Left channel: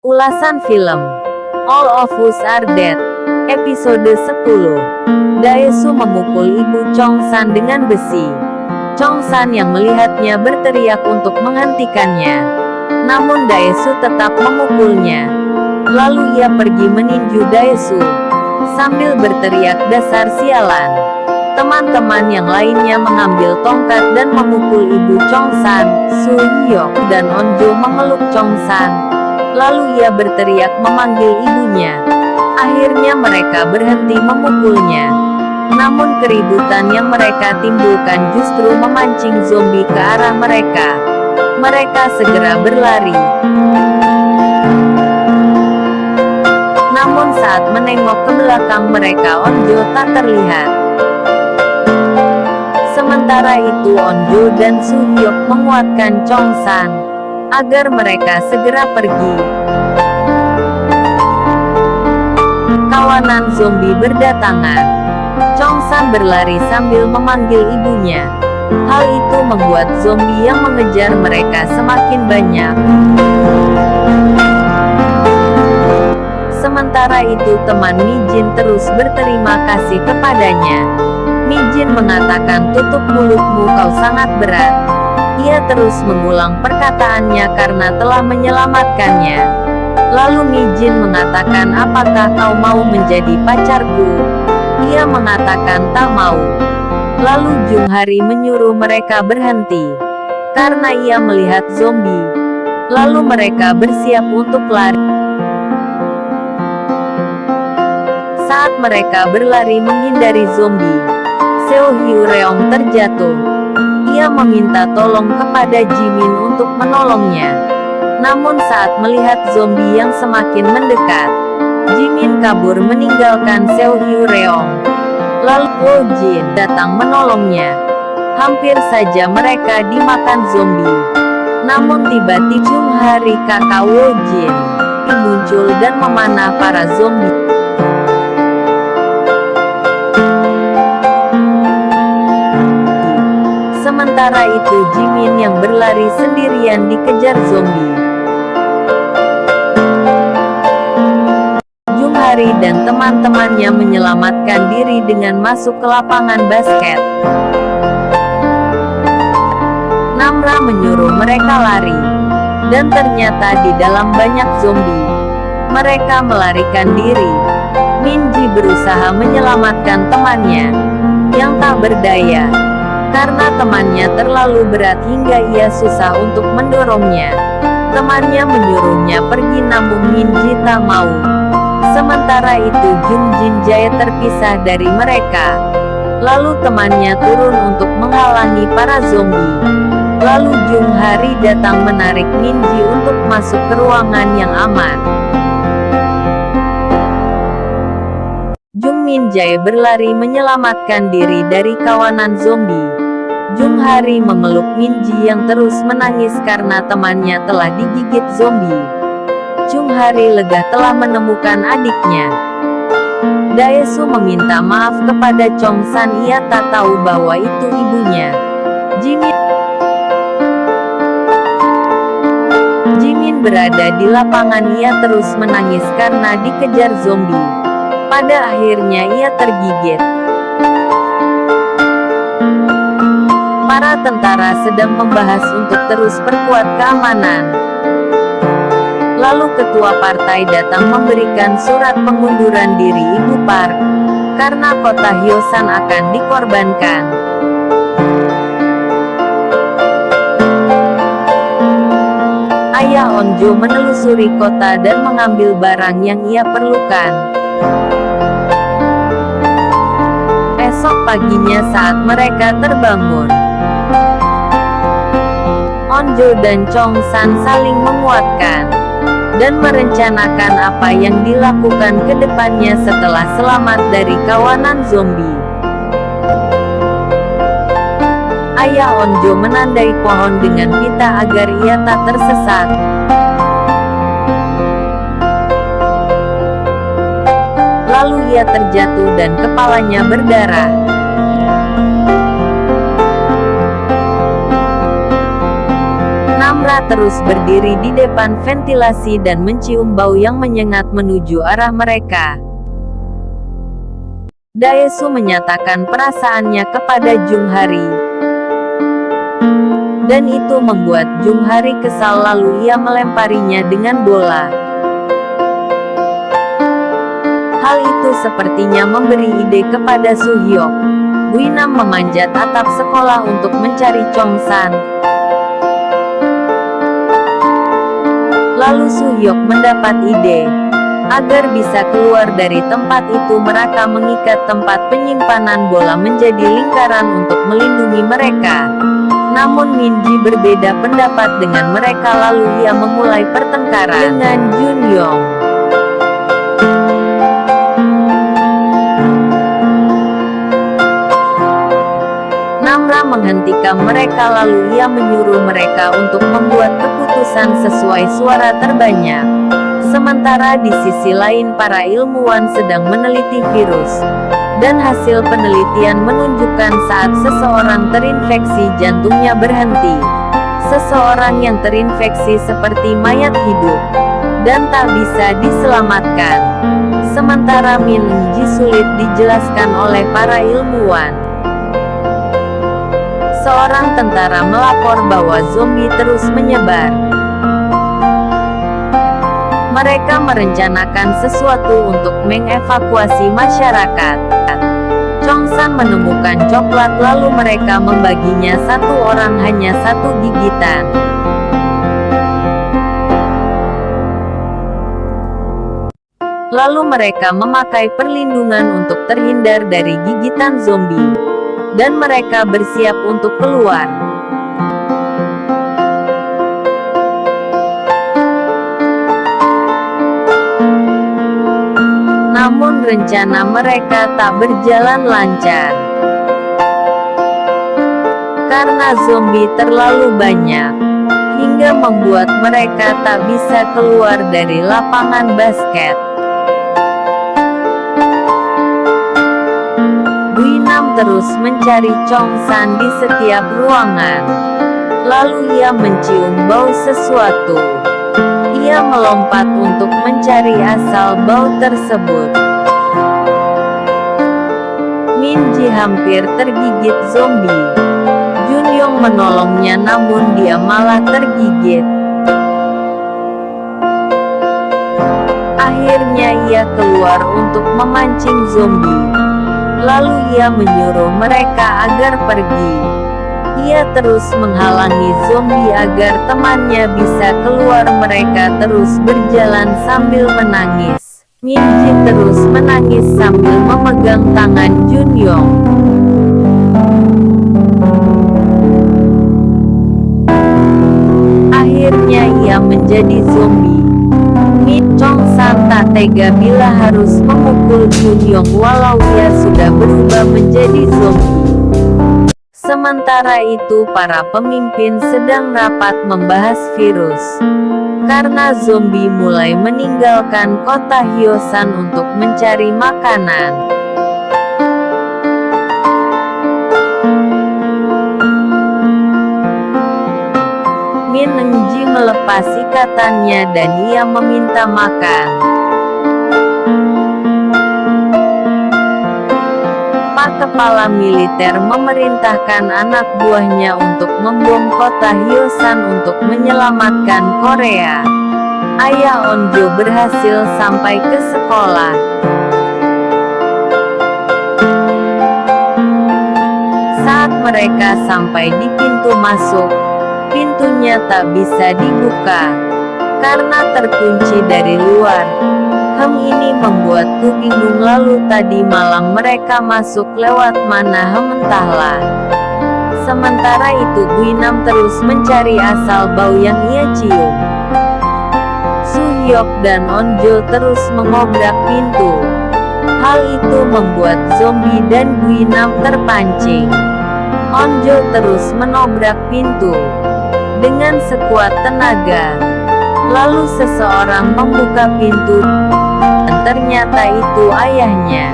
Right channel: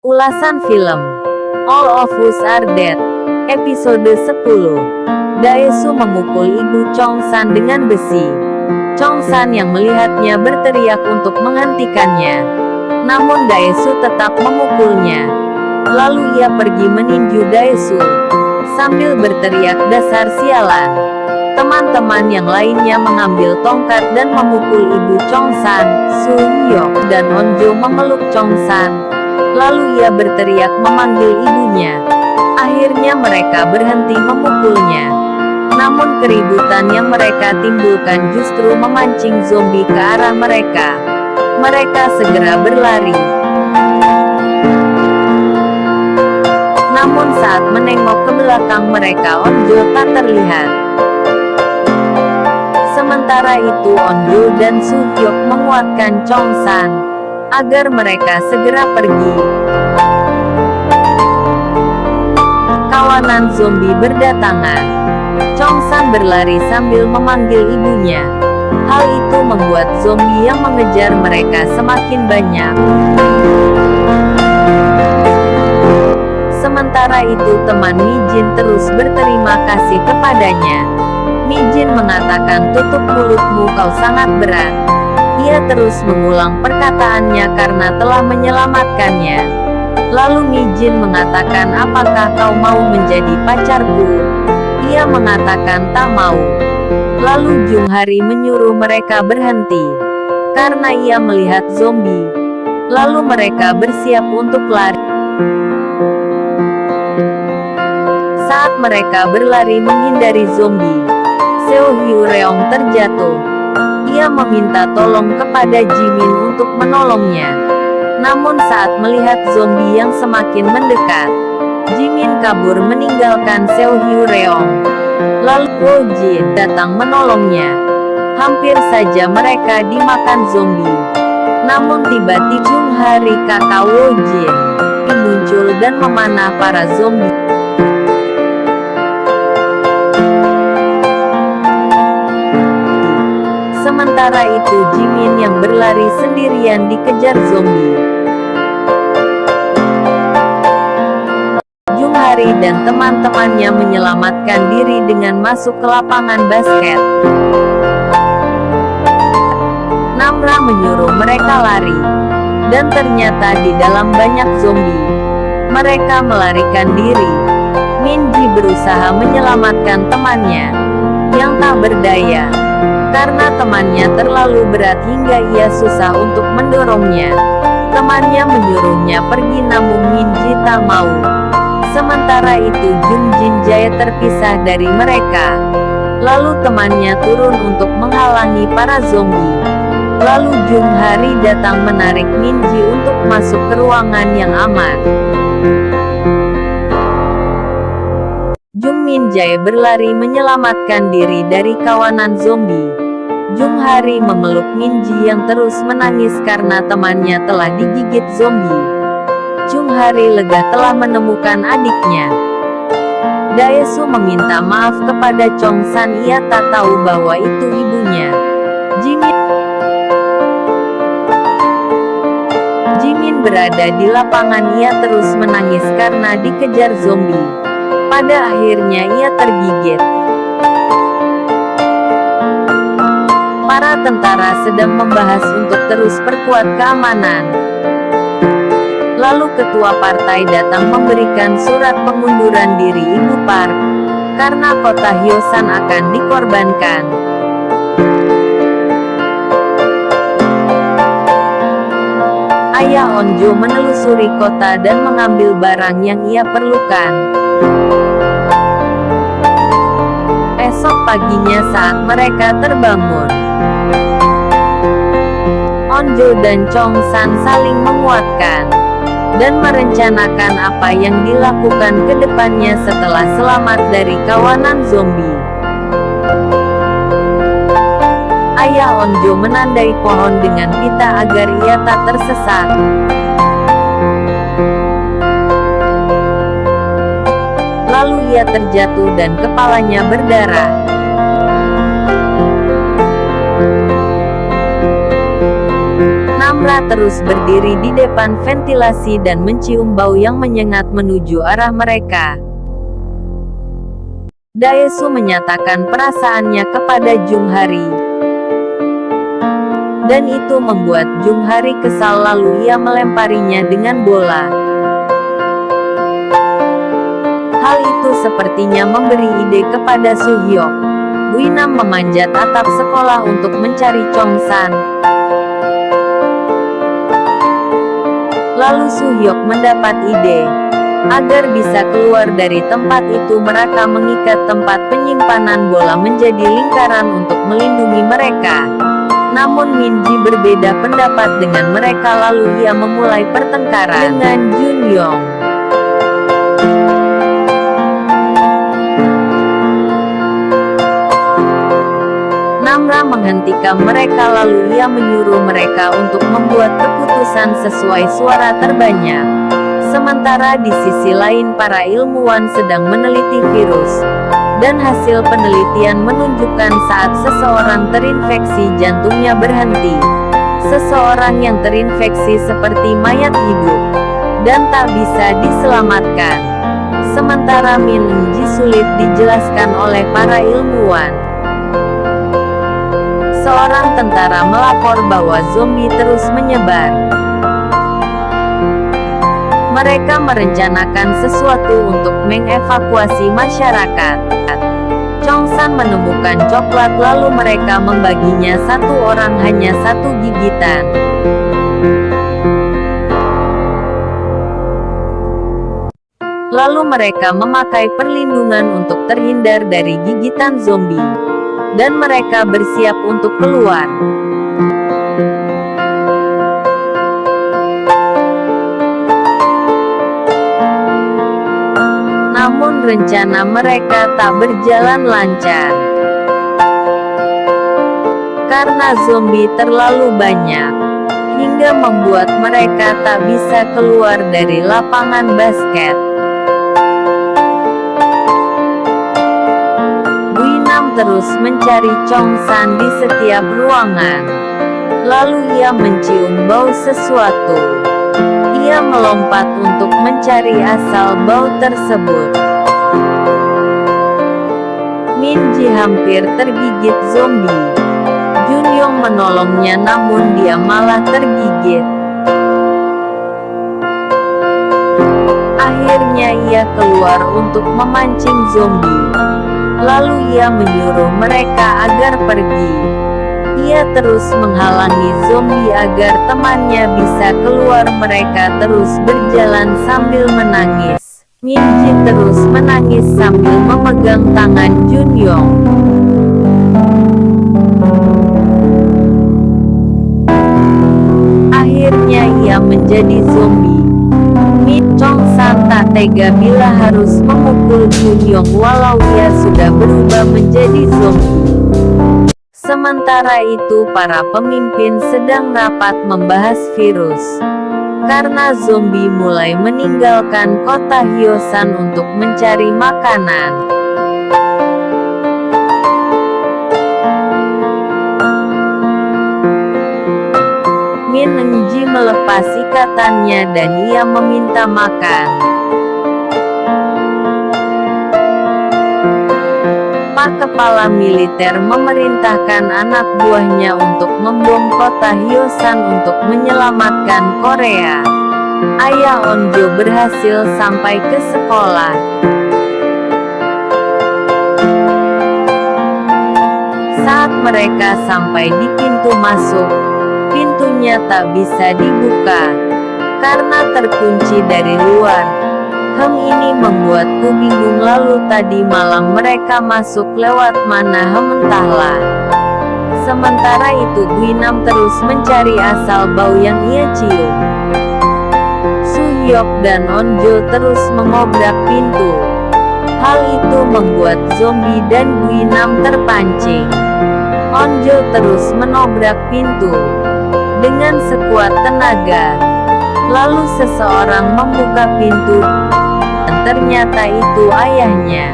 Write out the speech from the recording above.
Ulasan film All of Us Are Dead, episode 10. Daesu memukul ibu Chongsan dengan besi. Chongsan yang melihatnya berteriak untuk menghentikannya. Namun Daesu tetap memukulnya. Lalu ia pergi meninju Daesu sambil berteriak, "Dasar sialan!" Teman-teman yang lainnya mengambil tongkat dan memukul ibu Chongsan. Su Hyuk dan Onjo memeluk Chongsan. Lalu ia berteriak memanggil ibunya. Akhirnya mereka berhenti memukulnya. Namun keributan yang mereka timbulkan justru memancing zombie ke arah mereka. Mereka segera berlari. Namun saat menengok ke belakang mereka, Onjo tak terlihat. Sementara itu Onjo dan Su Hyuk menguatkan Chongsan agar mereka segera pergi. Kawanan zombie berdatangan. Chongsan berlari sambil memanggil ibunya. Hal itu membuat zombie yang mengejar mereka semakin banyak. Sementara itu teman Mijin terus berterima kasih kepadanya. Mijin mengatakan, "Tutup mulutmu, kau sangat berat." Ia terus mengulang perkataannya karena telah menyelamatkannya. Lalu Mijin mengatakan, "Apakah kau mau menjadi pacarku?" Ia mengatakan tak mau. Lalu Jung Hari menyuruh mereka berhenti karena ia melihat zombie. Lalu mereka bersiap untuk lari. Saat mereka berlari menghindari zombie, Seo Hyo-reong terjatuh. Ia meminta tolong kepada Jimin untuk menolongnya. Namun saat melihat zombie yang semakin mendekat, Jimin kabur meninggalkan Seo Hyo-reong. Lalu Wo Jin datang menolongnya. Hampir saja mereka dimakan zombie. Namun tiba-tiba Jung Hari kakak Wo Jin muncul dan memanah para zombie. Sementara itu Jimin yang berlari sendirian dikejar zombie. Jung Hari dan teman-temannya menyelamatkan diri dengan masuk ke lapangan basket. Namra menyuruh mereka lari. Dan ternyata di dalam banyak zombie. Mereka melarikan diri. Minji berusaha menyelamatkan temannya yang tak berdaya. Karena temannya terlalu berat hingga ia susah untuk mendorongnya. Temannya menyuruhnya pergi namun Minji tak mau. Sementara itu Jung Jin Jae terpisah dari mereka. Lalu temannya turun untuk menghalangi para zombie. Lalu Jung Hari datang menarik Minji untuk masuk ke ruangan yang aman. Jung Min Jae berlari menyelamatkan diri dari kawanan zombie. Jung Hari memeluk Minji yang terus menangis karena temannya telah digigit zombie. Jung Hari lega telah menemukan adiknya. Daesu meminta maaf kepada Chongsan, ia tak tahu bahwa itu ibunya. Jimin berada di lapangan, ia terus menangis karena dikejar zombie. Pada akhirnya ia tergigit. Para tentara sedang membahas untuk terus perkuat keamanan. Lalu ketua partai datang memberikan surat pengunduran diri Ibu Park, karena kota Hyosan akan dikorbankan. Ayah Onjo menelusuri kota dan mengambil barang yang ia perlukan. Esok paginya saat mereka terbangun, Onjo dan Chongsan saling menguatkan dan merencanakan apa yang dilakukan ke depannya setelah selamat dari kawanan zombie. Ayah Onjo menandai pohon dengan pita agar ia tak tersesat. Lalu ia terjatuh dan kepalanya berdarah. Namra terus berdiri di depan ventilasi dan mencium bau yang menyengat menuju arah mereka. Daesu menyatakan perasaannya kepada Jung Hari. Dan itu membuat Jung Hari kesal lalu ia melemparinya dengan bola. Hal itu sepertinya memberi ide kepada Su Hyok. Guinam memanjat atap sekolah untuk mencari Chong San. Lalu Su Hyok mendapat ide. Agar bisa keluar dari tempat itu mereka mengikat tempat penyimpanan bola menjadi lingkaran untuk melindungi mereka. Namun Minji berbeda pendapat dengan mereka lalu ia memulai pertengkaran dengan Jun Yong. Namra menghentikan mereka lalu ia menyuruh mereka untuk membuat keputusan sesuai suara terbanyak. Sementara di sisi lain para ilmuwan sedang meneliti virus. Dan hasil penelitian menunjukkan saat seseorang terinfeksi jantungnya berhenti. Seseorang yang terinfeksi seperti mayat hidup. Dan tak bisa diselamatkan. Sementara Min Engji sulit dijelaskan oleh para ilmuwan. Seorang tentara melapor bahwa zombie terus menyebar. Mereka merencanakan sesuatu untuk mengevakuasi masyarakat. Chong San menemukan coklat lalu mereka membaginya satu orang hanya satu gigitan. Lalu mereka memakai perlindungan untuk terhindar dari gigitan zombie. Dan mereka bersiap untuk keluar. Namun rencana mereka tak berjalan lancar. Karena zombie terlalu banyak. Hingga membuat mereka tak bisa keluar dari lapangan basket. Guinam terus mencari Chong San di setiap ruangan. Lalu ia mencium bau sesuatu. Ia melompat untuk mencari asal bau tersebut. Minji hampir tergigit zombie. Jun Yong menolongnya namun dia malah tergigit. Akhirnya ia keluar untuk memancing zombie. Lalu ia menyuruh mereka agar pergi. Ia terus menghalangi zombie agar temannya bisa keluar. Mereka terus berjalan sambil menangis. Minji terus menangis sambil memegang tangan Jun Yong. Akhirnya ia menjadi zombie. Chong San tak tega bila harus memukul Jun Yong walau ia sudah berubah menjadi zombie. Sementara itu para pemimpin sedang rapat membahas virus. Karena zombie mulai meninggalkan kota Hyosan untuk mencari makanan. Min Engji melepas ikatannya dan ia meminta makan. Pak kepala militer memerintahkan anak buahnya untuk membom kota Hyosan untuk menyelamatkan Korea. Ayah Onjo berhasil sampai ke sekolah. Saat mereka sampai di pintu masuk, pintunya tak bisa dibuka, karena terkunci dari luar. Ini membuatku bingung lalu tadi malam mereka masuk lewat mana entahlah. Sementara itu Guinam terus mencari asal bau yang ia cium. Su Hyok dan Onjo terus mengobrak pintu. Hal itu membuat zombie dan Guinam terpancing. Onjo terus menobrak pintu dengan sekuat tenaga. Lalu seseorang membuka pintu, dan ternyata itu ayahnya.